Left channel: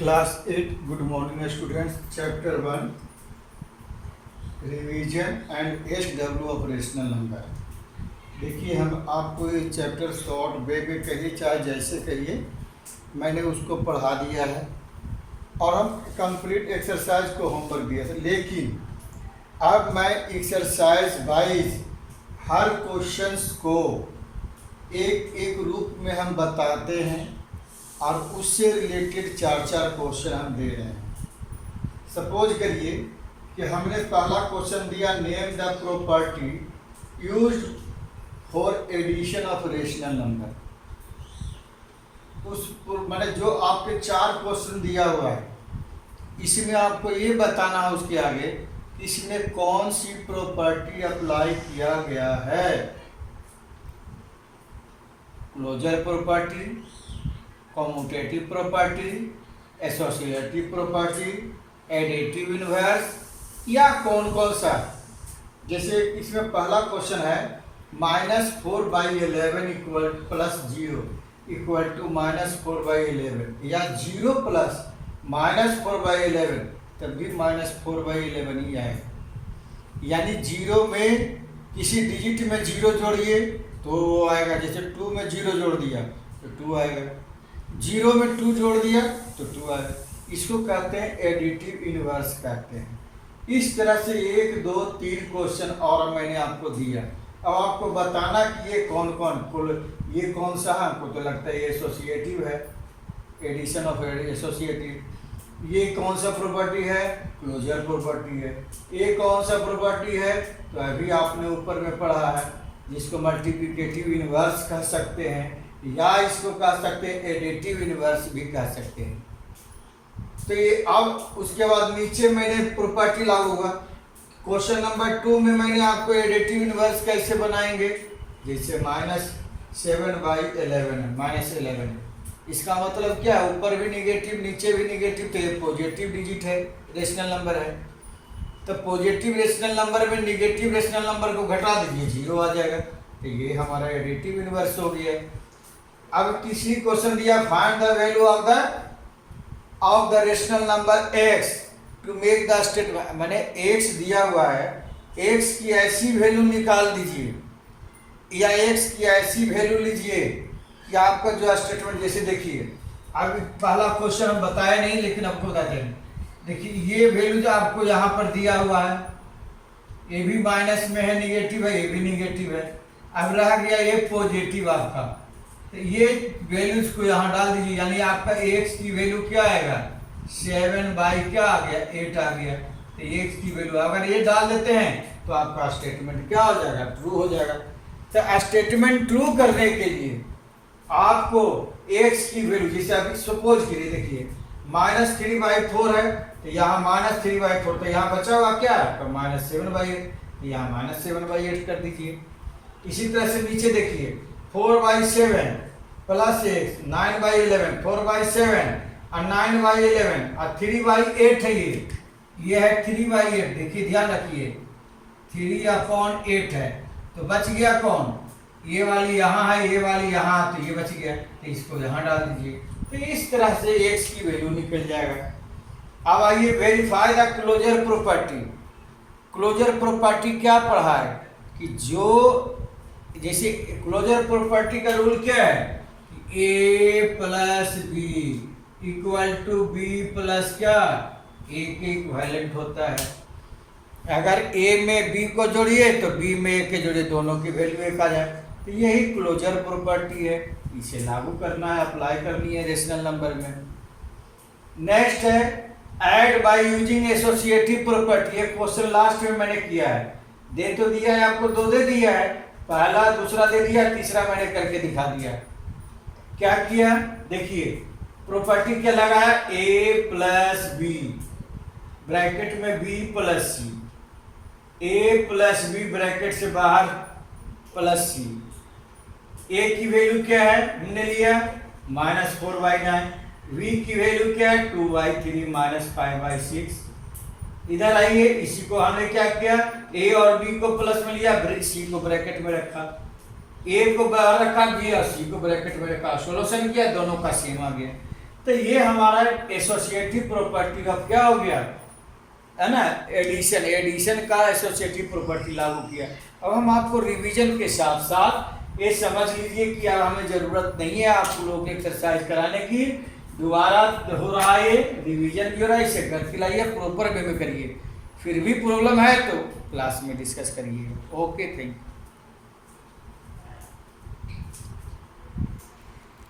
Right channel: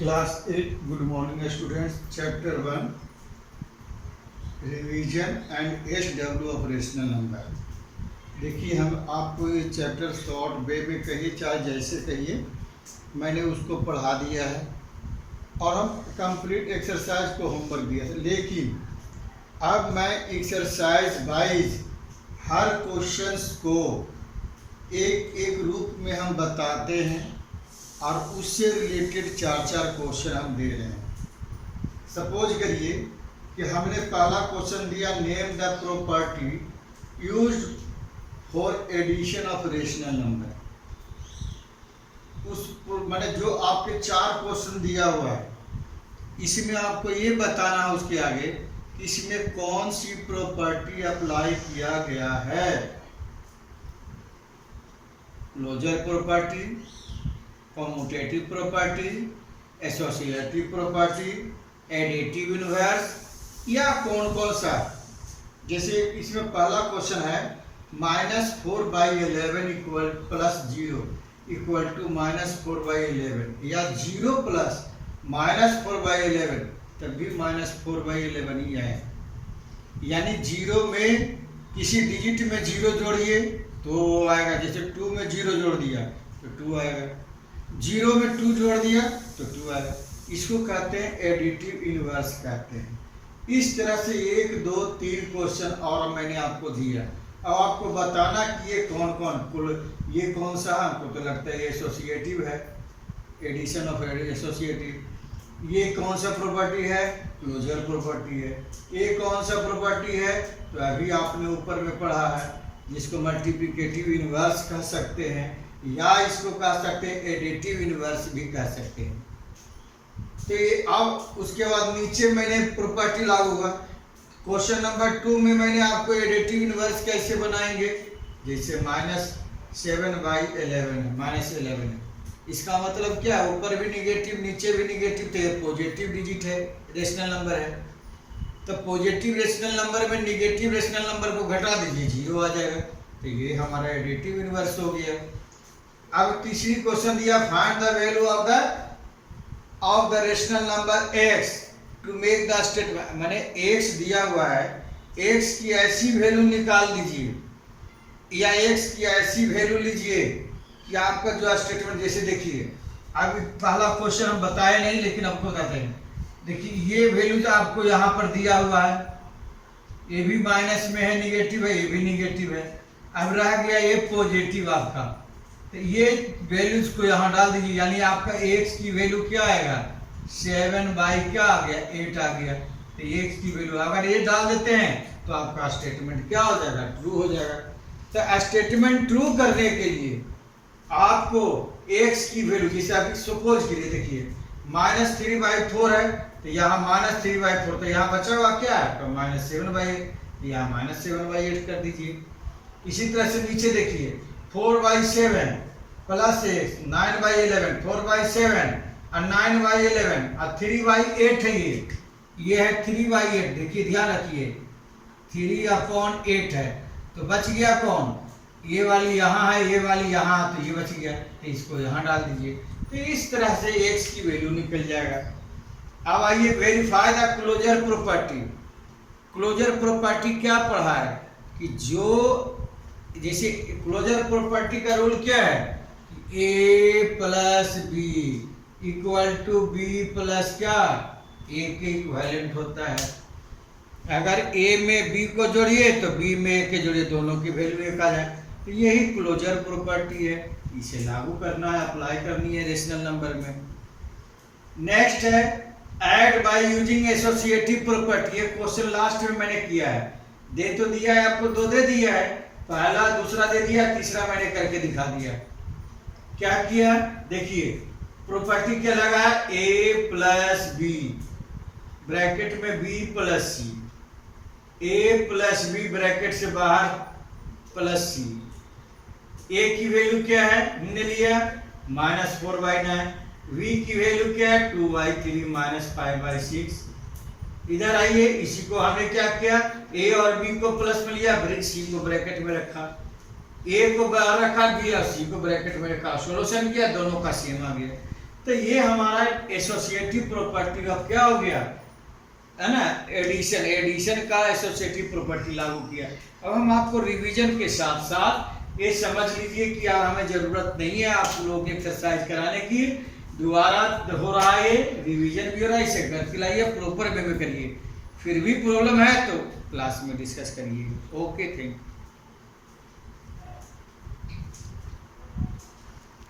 Class 8 good morning students chapter 1 revision and SW of rational number. देखिए हम आपको ये चैप्टर शॉर्ट वे में कहिए चाहे जैसे कहिए मैंने उसको पढ़ा दिया है और हम कंप्लीट एक्सरसाइज को होमवर्क दिया था, लेकिन अब मैं एक्सरसाइज वाइज हर क्वेश्चंस को एक एक रूप में हम बताते हैं और उससे रिलेटेड चार क्वेश्चन हम दे रहे हैं। सपोज करिए कि हमने पहला क्वेश्चन दिया, name the property used for addition of rational number. उस मैंने जो आपके चार क्वेश्चन दिया हुआ है इसमें आपको ये बताना है उसके आगे कि इसमें कौन सी प्रॉपर्टी अप्लाई किया गया है। Closure property, commutative property, associative property, additive inverse, या कौन कौन सा। जैसे इसमें पहला क्वेश्चन है -4/11 इक्वल प्लस 0 इक्वल टू -4/11, या 0 प्लस -4/11 तब भी -4/11 ही आए। यानी 0 में किसी डिजिट में 0 जोड़िए तो आएगा। जैसे 2 में 0 जोड़ दिया तो 2 आएगा, 0 में 2 जोड़ दिया तो 2 आएगा। इसको कहते हैं एडिटिव इनवर्स कहते हैं। इस तरह से 1 2 3 क्वेश्चन और मैंने आपको दिया। अब आपको बताना कि ये कौन ये कौन सा है। आपको तो लगता है ये एसोसिएटिव है, एडिशन ऑफ एसोसिएटिव। ये कौन सा प्रॉपर्टी है, क्लोजर प्रॉपर्टी है। ये कौन सा प्रॉपर्टी है, तो अभी आपने ऊपर में पढ़ा है जिसको मल्टीप्लिकेटिव इनवर्स कह सकते हैं, या इसको कह सकते हैं एडिटिव इनवर्स भी कह सकते हैं। तो ये अब उसके बाद नीचे मैंने प्रॉपर्टी लागू हुआ। क्वेश्चन नंबर 2 में मैंने आपको एडिटिव इनवर्स कैसे बनाएंगे, जैसे -7/11 है, -11। इसका मतलब क्या है, ऊपर भी निगेटिव नीचे भी निगेटिव, तो ये पॉजिटिव डिजिट है, रेशनल नंबर है। तो पॉजिटिव रेशनल नंबर में निगेटिव रेशनल नंबर को घटा दीजिए, 0 आ जाएगा। तो ये हमारा एडिटिव इनवर्स हो गया। अब तीसरी क्वेश्चन दिया, find the value of the rational number x to make the statement. मैंने x दिया हुआ है, x की ऐसी वैल्यू निकाल दीजिए, या x की ऐसी वैल्यू लीजिए कि आपका जो स्टेटमेंट। जैसे देखिए अभी पहला क्वेश्चन हम बताए नहीं, लेकिन आपको बताते हैं। देखिए ये वैल्यू जो आपको यहाँ पर दिया हुआ है, ये भी माइनस में है, निगेटिव है, ये भी निगेटिव है। अब रह गया ये पॉजिटिव आपका, तो ये वैल्यूज को यहाँ डाल दीजिए। यानी आपका x की वैल्यू क्या आएगा, 7/8 आ गया। तो x की वैल्यू अगर ये डाल देते हैं तो आपका स्टेटमेंट क्या हो जाएगा, ट्रू हो जाएगा। तो स्टेटमेंट ट्रू करने के लिए आपको x की वैल्यू, जैसे अभी सपोज करिए, देखिए -3/4 है, तो यहाँ -3/4, तो यहाँ बचा हुआ क्या है, तो -7/8, यहाँ -7/8 कर दीजिए। इसी तरह से नीचे देखिए 4/7 प्लस 9/11, 4/7 और 9/11 और 3/8 है। ये है 3/8। देखिए ध्यान रखिए 3/8 है, तो बच गया कौन, ये वाली यहाँ है, ये वाली यहाँ, तो ये बच गया, तो इसको यहाँ डाल दीजिए। तो इस तरह से x की वैल्यू निकल जाएगा। अब आइए verify the closure property. Closure property क्या पढ़ा है कि जो जैसे क्लोजर प्रॉपर्टी का रूल क्या है, a plus b equal to b plus क्या, a के इक्विवेलेंट होता है। अगर a में b को जोड़िए तो b में a के जोड़िए, दोनों की वैल्यू एक आ जाए। तो यही क्लोजर प्रॉपर्टी है, इसे लागू करना है, अप्लाई करनी है रेशनल नंबर में। नेक्स्ट है add by using associative property. ये क्वेश्चन लास्ट में मैंने किया है, दे तो दिया है आपको, 2 दे दिया है, पहला दूसरा दे दिया, तीसरा मैंने करके दिखा दिया। क्या किया, देखिए प्रॉपर्टी क्या लगाया, a प्लस बी ब्रैकेट में b plus c, a plus b bracket से बाहर प्लस सी। a की वैल्यू क्या है, हमने लिया -4/9, v की वैल्यू क्या है 2/3 -5/6। इधर आइए, इसी को हमने क्या किया, a और b को प्लस में लिया, c को ब्रैकेट में रखा, a को बाहर रखा, b और c को ब्रैकेट में रखा, सोल्यूशन किया, दोनों का सेम आ गया। तो ये हमारा एसोसिएटिव प्रॉपर्टी का क्या हो गया, है ना, एडिशन का एसोसिएटिव प्रॉपर्टी लागू किया। अब हम आपको रिवीजन के साथ साथ ये समझ लीजिए कि अब हमें ज़रूरत नहीं है आप लोगों को एक्सरसाइज कराने की, दोबारा हो रहा है, रिवीजन भी हो रहा है, इसे घर खिलाइए, प्रॉपर वे में करिए। फिर भी प्रॉब्लम है तो क्लास में डिस्कस करिए। Okay, thank you.